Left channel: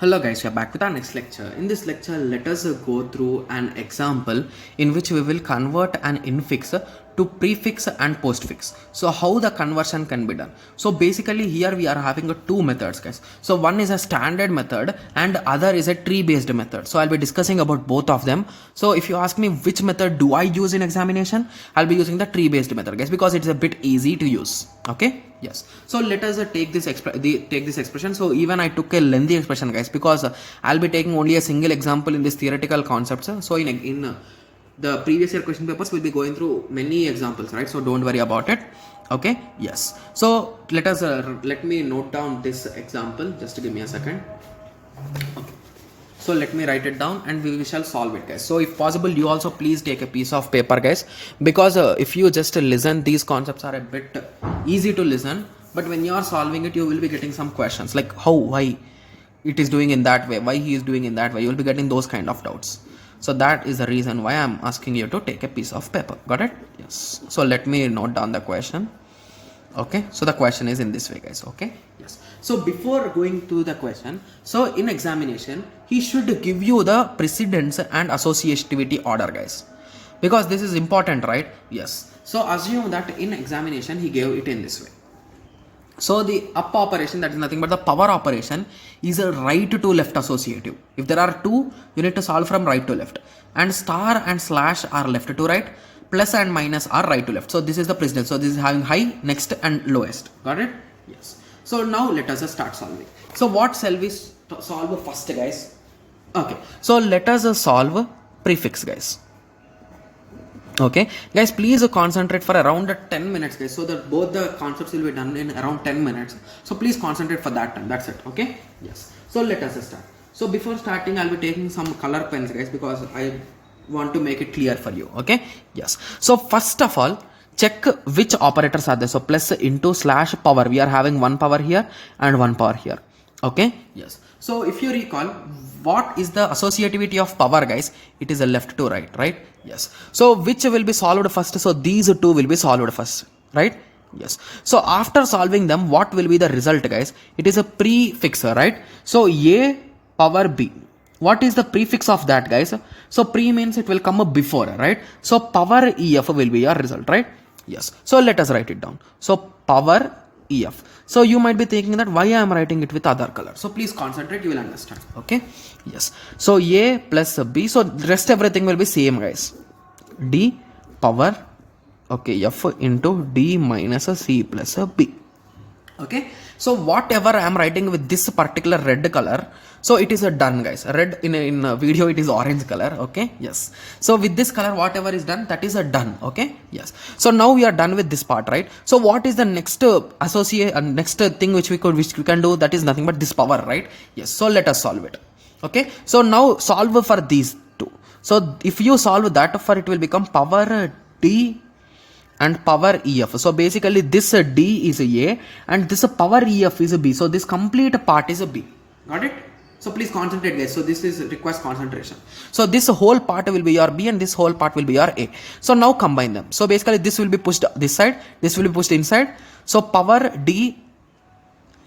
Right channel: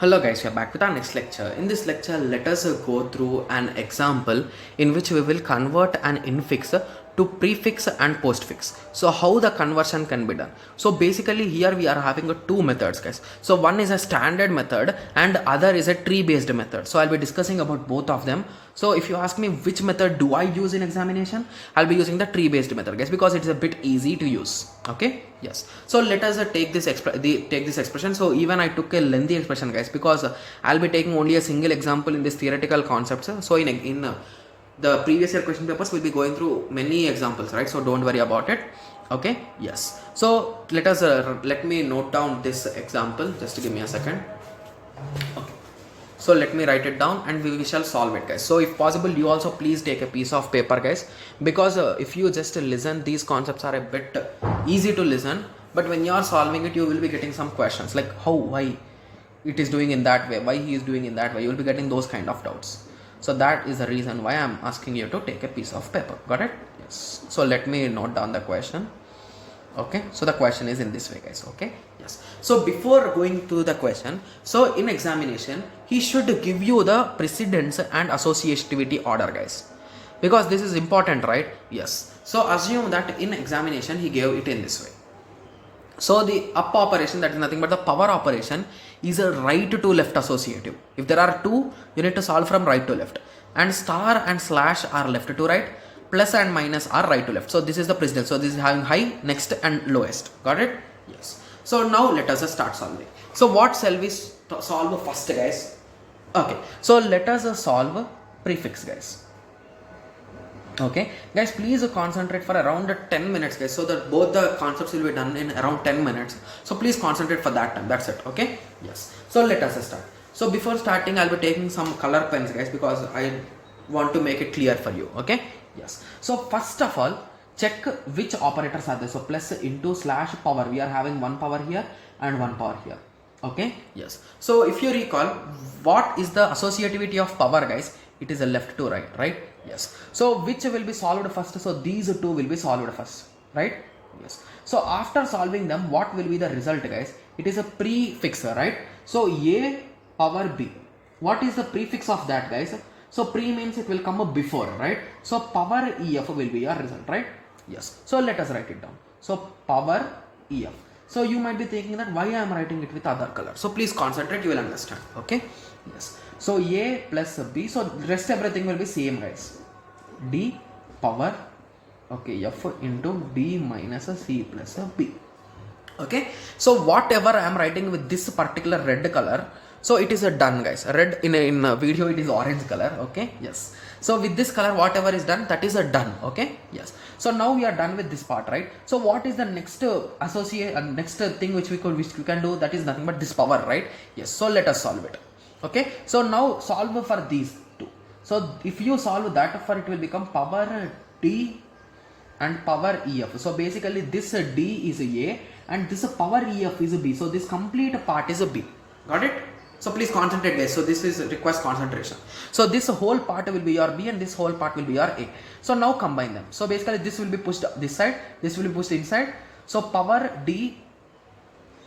Hello guys, we are back with our next lecture. In this lecture, let us go through an example in which we will convert an infix to prefix and postfix. So how the conversion can be done. So basically here we are having two methods guys. So one is a standard method and other is a tree based method. So I'll be discussing about both of them. So if you ask me which method do I use in examination, I'll be using the tree based method guys because it's a bit easy to use. Okay, yes. So let us take this expression. So even I took a lengthy expression guys because I'll be taking only a single example in this theoretical concepts. So in the previous year question papers we'll be going through many examples, right? So don't worry about it. Okay, yes. So let me note down this example. Just give me a second. Okay. So let me write it down and we shall solve it guys. So if possible you also please take a piece of paper guys, because if you just listen, these concepts are a bit easy to listen, but when you are solving it you will be getting some questions like how, why it is doing in that way, why he is doing in that way. You will be getting those kind of doubts. So that is the reason why I am asking you to take a piece of paper. Got it? Yes. So let me note down the question. Okay, so the question is in this way guys. Okay, yes. So before going to the question, so in examination he should give you the precedence and associativity order guys, because this is important, right? Yes. So assume that in examination he gave it in this way. So the up operation, that is nothing but the power operation, is a right to left associative. If there are two, you need to solve from right to left, and star and slash are left to right, plus and minus are right to left. So this is the precedence. So this is having high, next and lowest. Got it? Yes. So now let us start solving. So what shall we solve first guys? Okay. So let us solve prefix guys. Okay guys, please concentrate for around 10 minutes guys, so that both the concepts will be done in around 10 minutes. So please concentrate for that time. That's it. Okay, yes. So let us start. So before starting I'll be taking some color pens guys because I want to make it clear for you. Okay, yes. So first of all check which operators are there. So plus, into, slash, power. We are having one power here and one power here. Okay, yes. So if you recall, what is the associativity of power guys? It is a left to right, right? Yes. So which will be solved first? So these two will be solved first, right? Yes. So after solving them, what will be the result guys? It is a prefix, right? So a power b. What is the prefix of that guys? So pre means it will come up before, right? So power ef will be your result, right? Yes. So let us write it down. So power ef. So you might be thinking that why I am writing it with other color. So please concentrate, you will understand. Okay. Yes. So a plus b. So rest everything will be same guys. D power, okay, f into d minus a c plus a b. Okay. So whatever I am writing with this particular red color, so it is a done guys. Red in a video it is orange color. Okay, yes. So with this color whatever is done, that is a done. Okay, yes. So now we are done with this part, right? So what is the next next thing which we can do? That is nothing but this power, right? Yes. So let us solve it. Okay. So now solve for these two. So if you solve that for, it will become power d and power ef. So basically this d is a and this power ef is a b. So this complete part is a b. Got it? So please concentrate guys. So this is requires concentration. So this whole part will be your b and this whole part will be your a. So now combine them. So basically this will be pushed this side, this will be pushed inside. So power d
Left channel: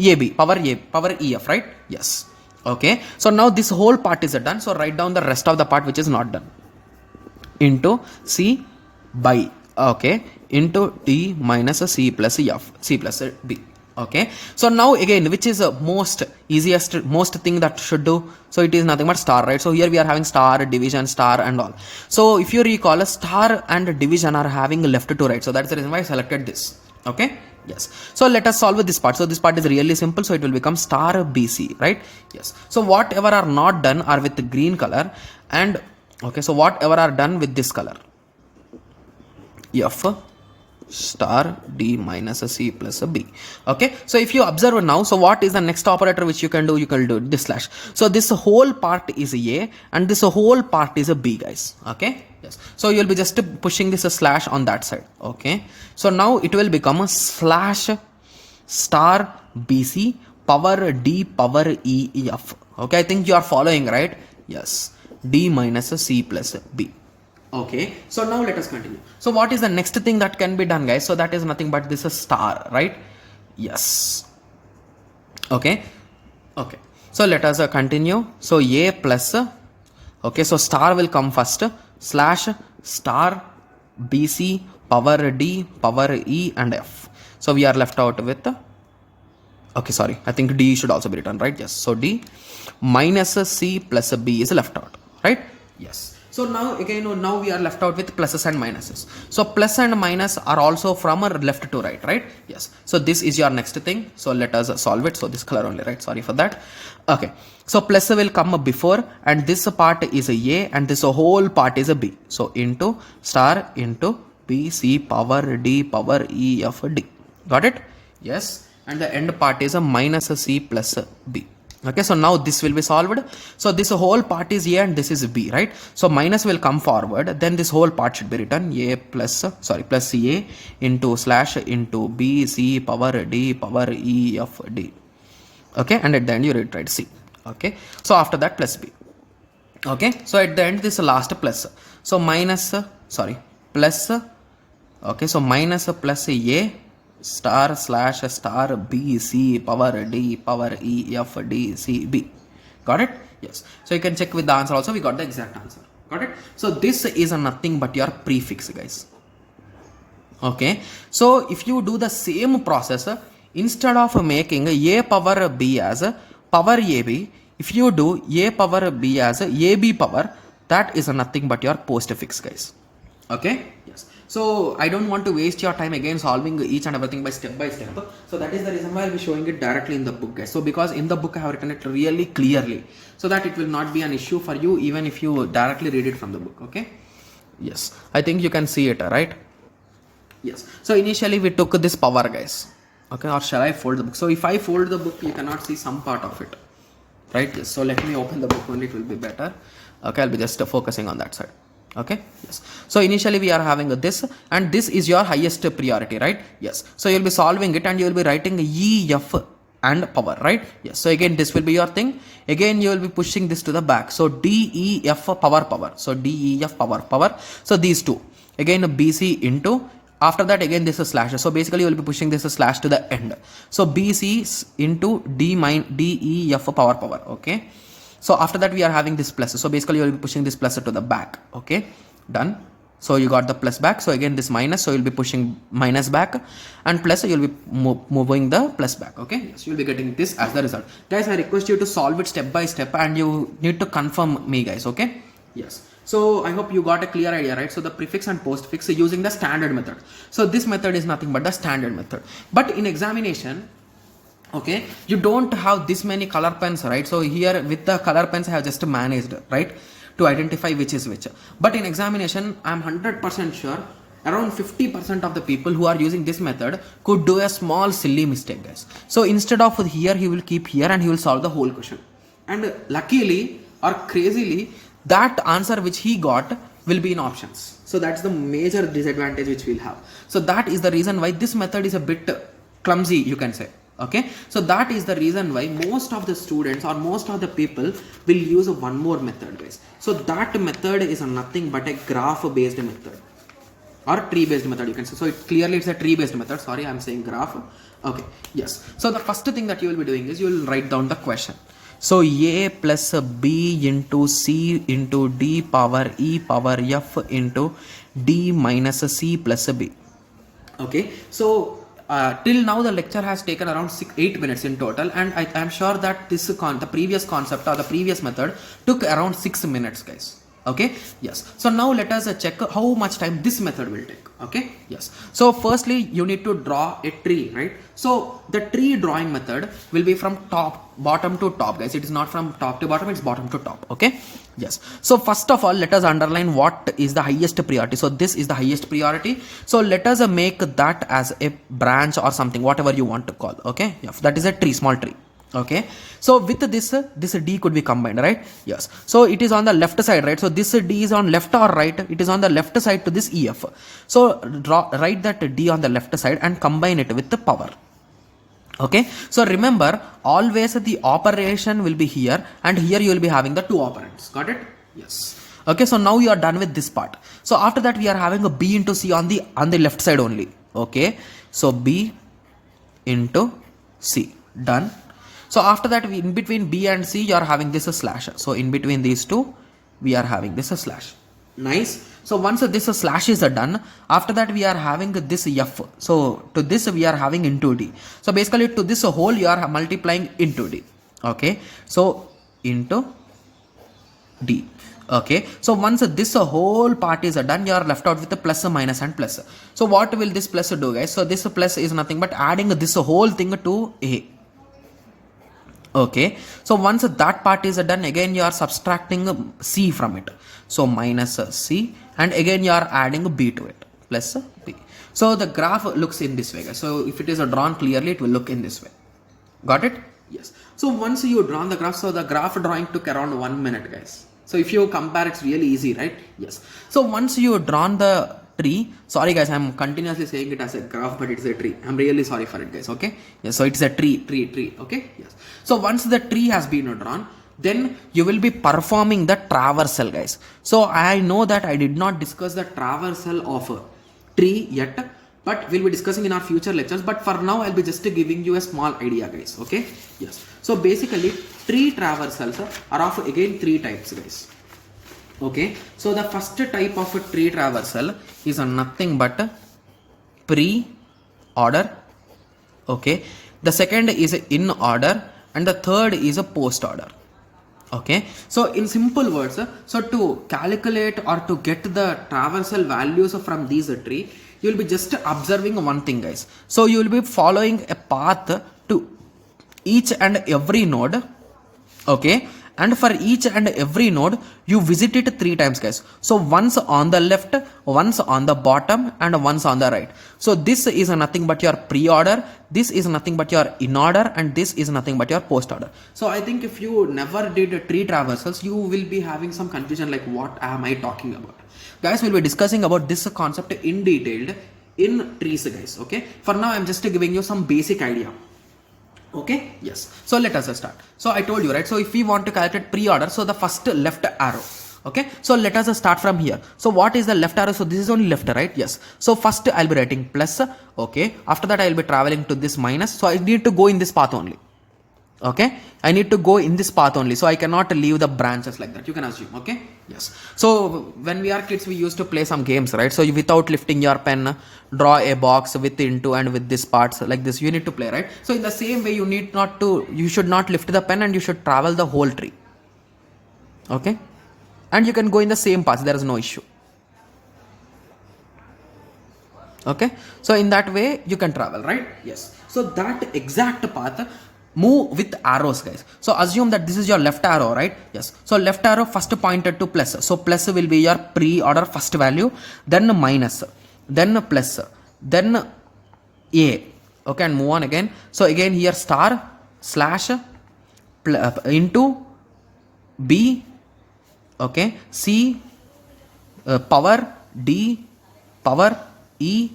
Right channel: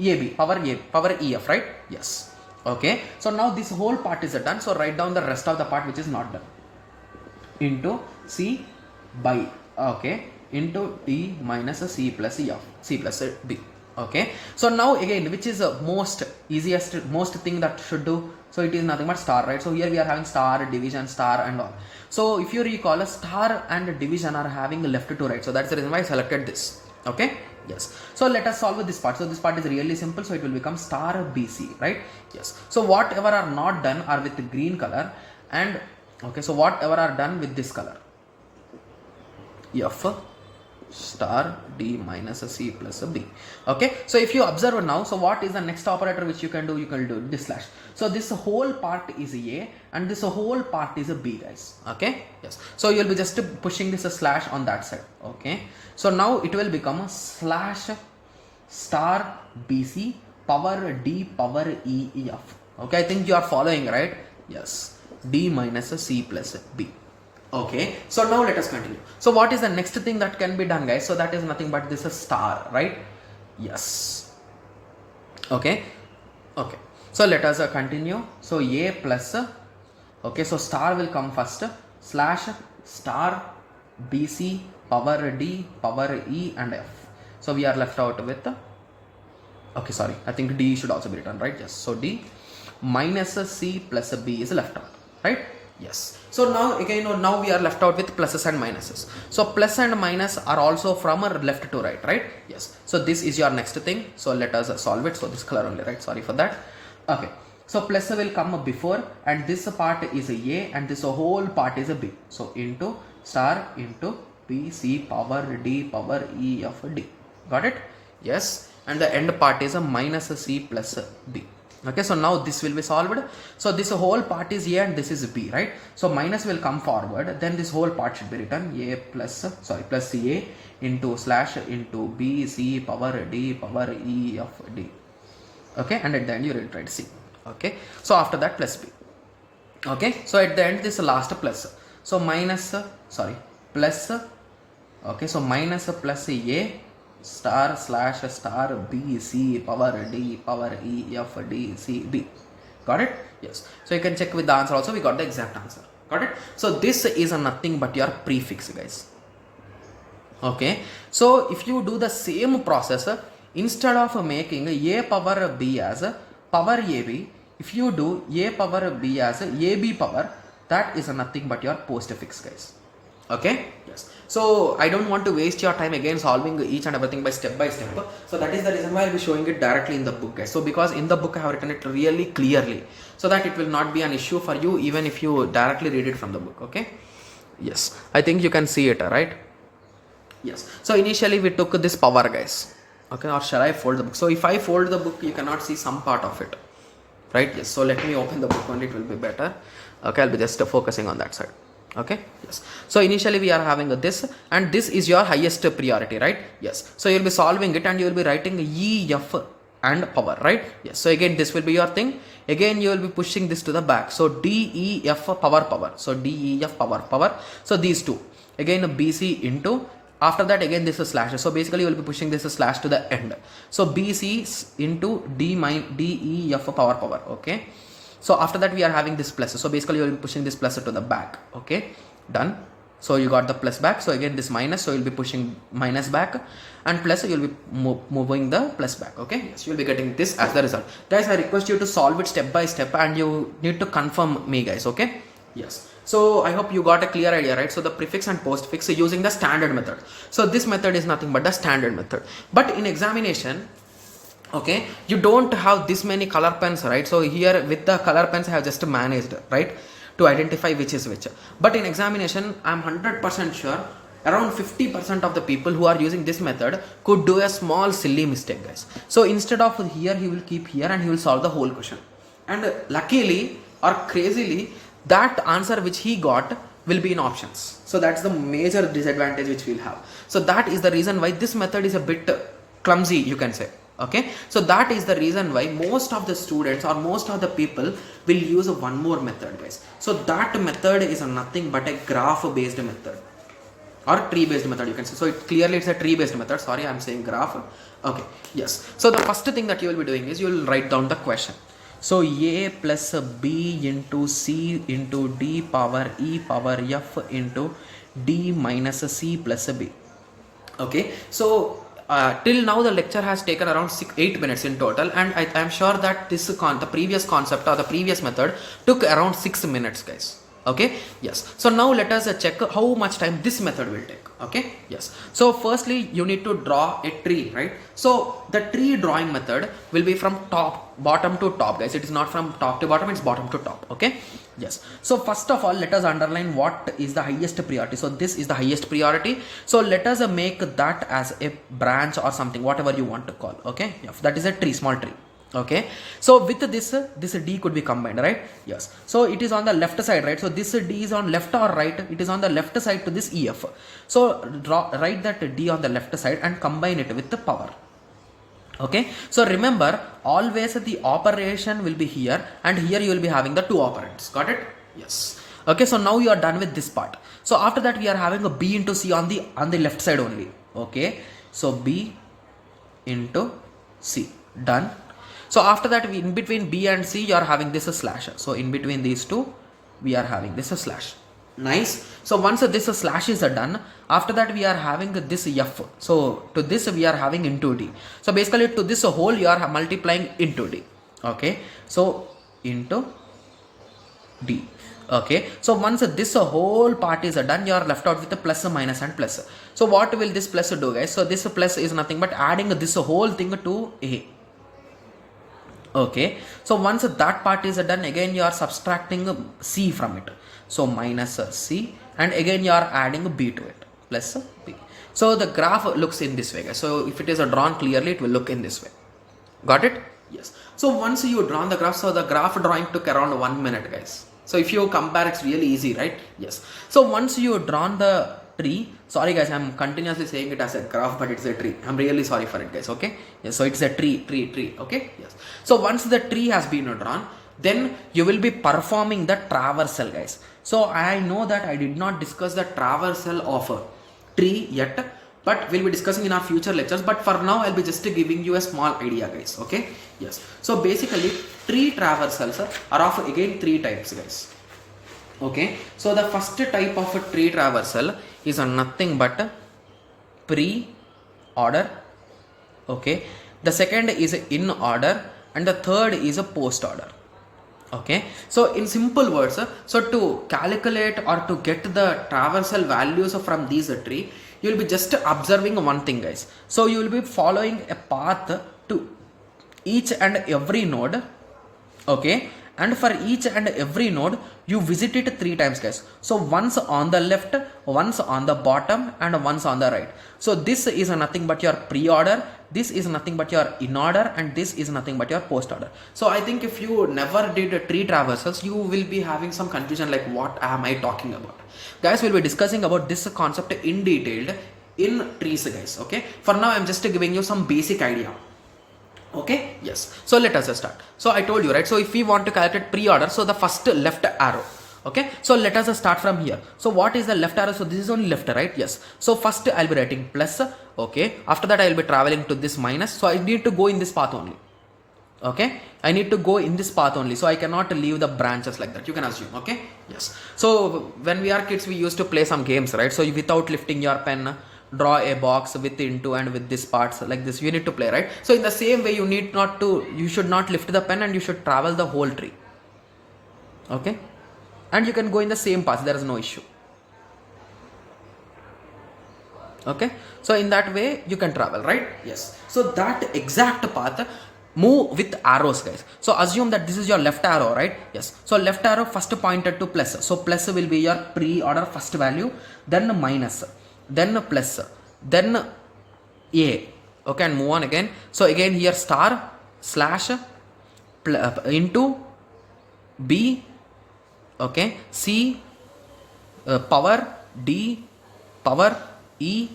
ab, power ef, right? Yes. Okay. So now this whole part is done. So write down the rest of the part which is not done. Into c by, okay, into d minus a c plus f, c plus a d. Okay. So now again, which is the most thing that should do? So it is nothing but star, right? So here we are having star, division, star and all. So if you recall, a star and division are having left to right. So that's the reason why I selected this. Okay. Yes. So let us solve this part. So this part is really simple. So it will become star bc, right? Yes. So whatever are not done are with the green color, and okay, so whatever are done with this color, f star d minus a c plus a b. Okay, so if you observe now, so what is the next operator which you can do? You can do this slash. So this whole part is a and this whole part is a b guys. Okay, yes. So you'll be just pushing this slash on that side. Okay, so now it will become a slash star bc power d power e f. Okay, I think you are following, right? Yes, d minus a c plus a b. Okay, so now let us continue. So what is the next thing that can be done guys? So that is nothing but this is star, right? Yes. Okay. Okay. So let us continue. So a plus, okay, so star will come first, slash star bc power d power e and f. So we are left out with, okay, sorry, I think d should also be written, right? Yes. So d minus c plus b is left out, right? Yes. So now again, now we are left out with pluses and minuses. So plus and minus are also from left to right, right? Yes. So this is your next thing. So let us solve it. So this color only, right? Sorry for that. Okay. So plus will come before, and this part is a a, and this whole part is a b. So into star into b c power d power e f d. Got it? Yes. And the end part is a minus c plus b. Okay, so now this will be solved. So this whole part is a and this is b, right? So minus will come forward, then this whole part should be written a plus, sorry, plus a into slash into b c power d power e f d. Okay, and at the end you write c. Okay, so after that plus b. Okay, so at the end this last plus. So minus, sorry, plus, okay, so minus plus a star slash star b c power d power e f d c b. Got it? Yes. So you can check with the answer also. We got the exact answer. Got it? So this is nothing but your prefix, guys. Okay. So if you do the same process, instead of making a power b as power ab, if you do a power b as ab power, that is nothing but your postfix, guys. Okay. Yes. So I don't want to waste your time again solving each and everything by step. So that is the reason why I'll be showing it directly in the book, guys. So because in the book I have written it really clearly, so that it will not be an issue for you even if you directly read it from the book. Okay. Yes. I think you can see it, right? Yes. So initially we took this power, guys. Okay. Or shall I fold the book? So if I fold the book, you cannot see some part of it, right? Yes. So let me open the book only. It will be better. Okay. I'll be just focusing on that side. Okay. Yes. So initially we are having this, and this is your highest priority, right? Yes. So you'll be solving it and you will be writing E, F and power, right? Yes. So again this will be your thing. Again you will be pushing this to the back. So D, E, F power. So D, E, F power. So these two. Again BC into, after that again this is slash. So basically you will be pushing this slash to the end. So BC into D, E, F power. Okay. So after that we are having this plus. So basically you will be pushing this plus to the back. Okay, done. So you got the plus back. So again this minus. So you'll be pushing minus back, and plus you'll be moving the plus back. Okay, yes, you'll be getting this as the result. Guys, I request you to solve it step by step, and you need to confirm me, guys. Okay, yes. So I hope you got a clear idea, right? So the prefix and postfix using the standard method. So this method is nothing but the standard method. But in examination, okay, you don't have this many color pens, right? So here with the color pens I have just managed, right, to identify which is which. But in examination I'm 100% sure around 50% of the people who are using this method could do a small silly mistake, guys. So instead of here he will keep here and he will solve the whole question, and luckily or crazily that answer which he got will be in options. So that's the major disadvantage which we'll have. So that is the reason why this method is a bit clumsy, you can say. Okay, so that is the reason why most of the students or most of the people will use one more method, guys. So that method is nothing but a graph based method or tree based method, you can say. So it's a tree based method. Sorry, I'm saying graph. Okay, yes. So the first thing that you will be doing is you will write down the question. So a plus b into c into d power e power f into d minus c plus b. Okay, so till now the lecture has taken around 8 minutes in total, and I am sure that the previous concept or the previous method took around 6 minutes, guys. Okay, yes. So now let us check how much time this method will take. Okay, yes. So firstly you need to draw a tree, right? So the tree drawing method will be from bottom to top, guys. It is not from top to bottom, it's bottom to top. Okay, yes. So first of all let us underline what is the highest priority. So this is the highest priority. So let us make that as a branch or something, whatever you want to call. Okay, yeah, that is a tree, small tree. Okay, so with this d could be combined, right? Yes. So it is on the left side, right? So this d is on left or right? It is on the left side to this ef. So write that d on the left side and combine it with the power. Okay, so remember always the operation will be here, and here you will be having the two operands. Got it? Yes. Okay, so now you are done with this part. So after that we are having a b into c on the left side only. Okay, so b into c, done. So after that, in between B and C, you are having this a slash. So in between these two, we are having this a slash. Nice. So once this slash is done, after that we are having this F. So to this we are having into D. So basically to this whole you are multiplying into D. Okay. So into D. Okay. So once this whole part is done, you are left out with the plus, minus and plus. So what will this plus do, guys? So this plus is nothing but adding this whole thing to A. Okay. So once that part is done, again you are subtracting C from it. So minus C, and again you are adding B to it, plus B. So the graph looks in this way, guys. So if it is drawn clearly, it will look in this way. Got it? Yes. So once you drawn the graph, so the graph drawing took around 1 minute, guys. So if you compare, it's really easy, right? Yes. So once you drawn the tree, sorry guys, I'm continuously saying it as a graph, but it's a tree. I'm really sorry for it, guys. Okay. Yes. So it's a tree. Okay. Yes. So once the tree has been drawn, then you will be performing the traversal, guys. So I know that I did not discuss the traversal of a tree yet, but we'll be discussing in our future lectures. But for now, I'll be just giving you a small idea, guys. Okay. Yes. So basically, tree traversals are of again 3 types, guys. Okay. So the first type of a tree traversal is nothing but pre-order. Okay. The second is in order, and the third is a post order. Okay. So in simple words, so to calculate or to get the traversal values from these tree, you will be just observing one thing, guys. So you will be following a path to each and every node. Okay. And for each and every node, you visit it 3 times, guys. So once on the left, once on the bottom, and once on the right. So this is nothing but your pre-order, this is nothing but your in order, and this is nothing but your post order. So I think if you never did tree traversals, you will be having some confusion like what am I talking about. Guys, we'll be discussing about this concept in detail in trees, guys. Okay. For now, I'm just giving you some basic idea. Okay. Yes. So let us start. So I told you, right? So if we want to calculate pre-order, so the first left arrow. Okay. So let us start from here. So what is the left arrow? So this is only left, right? Yes. So first I'll be writing plus. Okay. After that I'll be traveling to this minus. So I need to go in this path only. Okay. I need to go in this path only. So I cannot leave the branches like that. You can assume. Okay. Yes. So when we are kids, we used to play some games, right? So without lifting your pen, draw a box with into and with this parts like this, you need to play, right? So in the same way, you should not lift the pen and you should travel the whole tree. Okay. And you can go in the same path. There is no issue. Okay. So in that way, you can travel, right? Yes. So that exact path, move with arrows, guys. So assume that this is your left arrow, right? Yes. So left arrow first pointed to plus. So plus will be your pre-order first value, then minus, then plus, then A. Okay. And move on again. So again here star slash into B. Okay. C power D power E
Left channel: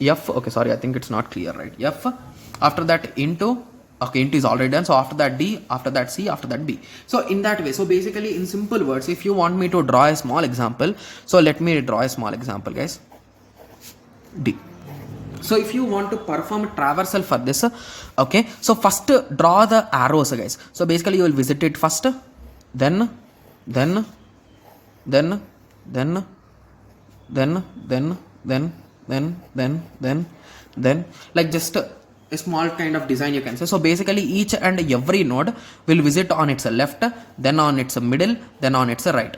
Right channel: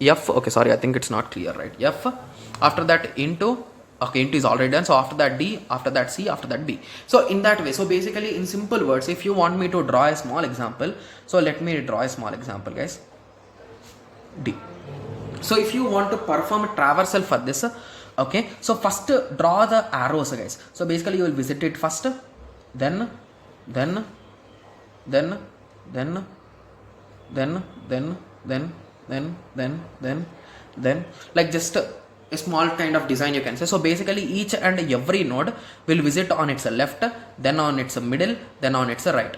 F. Okay. Sorry. I think it's not clear, right? F. After that into. Okay, into is already done. So after that D, after that C, after that B. So in that way, so basically in simple words, if you want me to draw a small example, so let me draw a small example, guys. D. So if you want to perform a traversal for this, okay, so first draw the arrows, guys. So basically you will visit it first, then like just a small kind of design you can say. So basically each and every node will visit on its left, then on its middle, then on its right.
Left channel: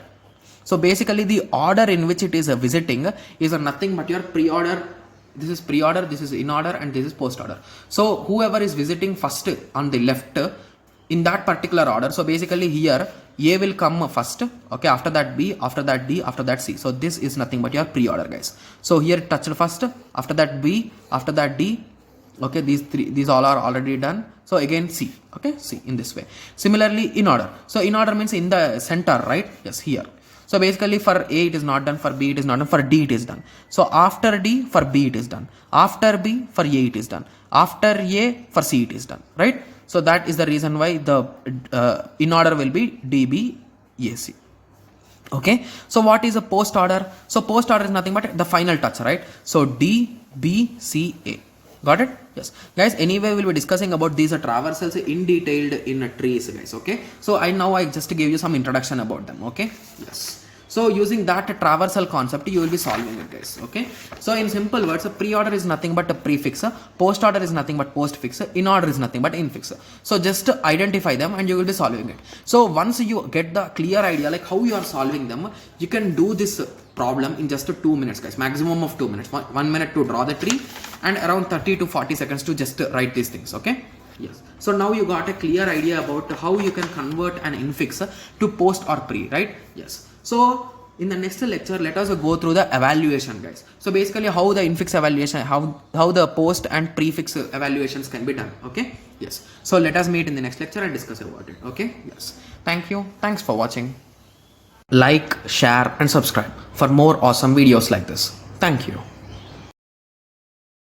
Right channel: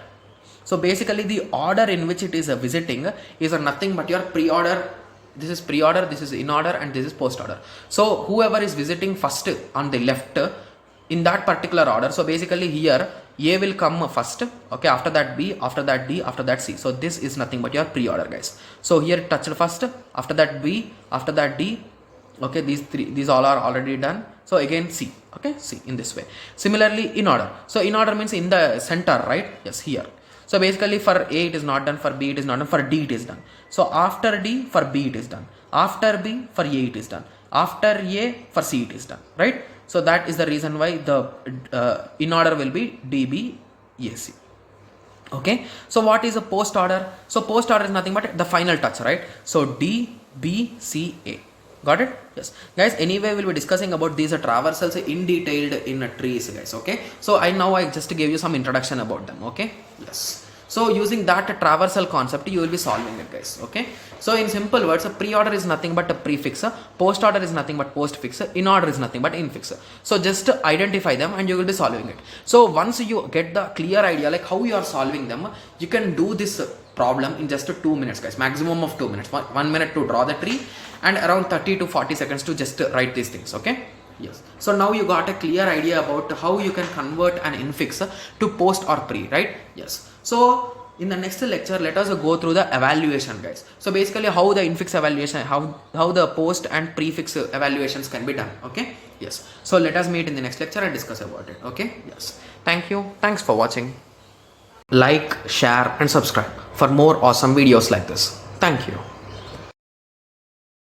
So basically the order in which it is visiting is nothing but your pre-order. This is pre-order, this is in order, and this is post order. So whoever is visiting first on the left in that particular order. So basically here A will come first, okay, after that B, after that D, after that C. So this is nothing but your pre-order, guys. So here touched first, after that B, after that D. Okay, these all are already done. So again C. Okay, C in this way. Similarly in order. So in order means in the center, right? Yes, here. So basically for A it is not done, for B it is not done, for D it is done. So after D for B it is done. After B for A it is done. After A for C it is done, right? So that is the reason why the in order will be D, B, A, C. Okay. So what is a post order? So post order is nothing but the final touch, right? So D, B, C, A. Got it? Yes. Guys, anyway, we'll be discussing about these traversals in detailed in trees, guys. Okay. So I just gave you some introduction about them. Okay. Yes. So using that traversal concept, you will be solving it, guys. Okay. So in simple words, a pre-order is nothing but a prefix. Post order is nothing but postfix. In order is nothing but infix. So just identify them and you will be solving it. So once you get the clear idea like how you are solving them, you can do this problem in just 2 minutes, guys. Maximum of 2 minutes. 1 minute to draw the tree and around 30 to 40 seconds to just write these things. Okay. Yes. So now you got a clear idea about how you can convert an infix to post or pre, right? Yes. So in the next lecture, let us go through the evaluation, guys. So basically how the infix evaluation, how the post and prefix evaluations can be done. Okay. Yes. So let us meet in the next lecture and discuss about it. Okay. Yes. Thank you. Thanks for watching. Like, share and subscribe for more awesome videos like this. Thank you.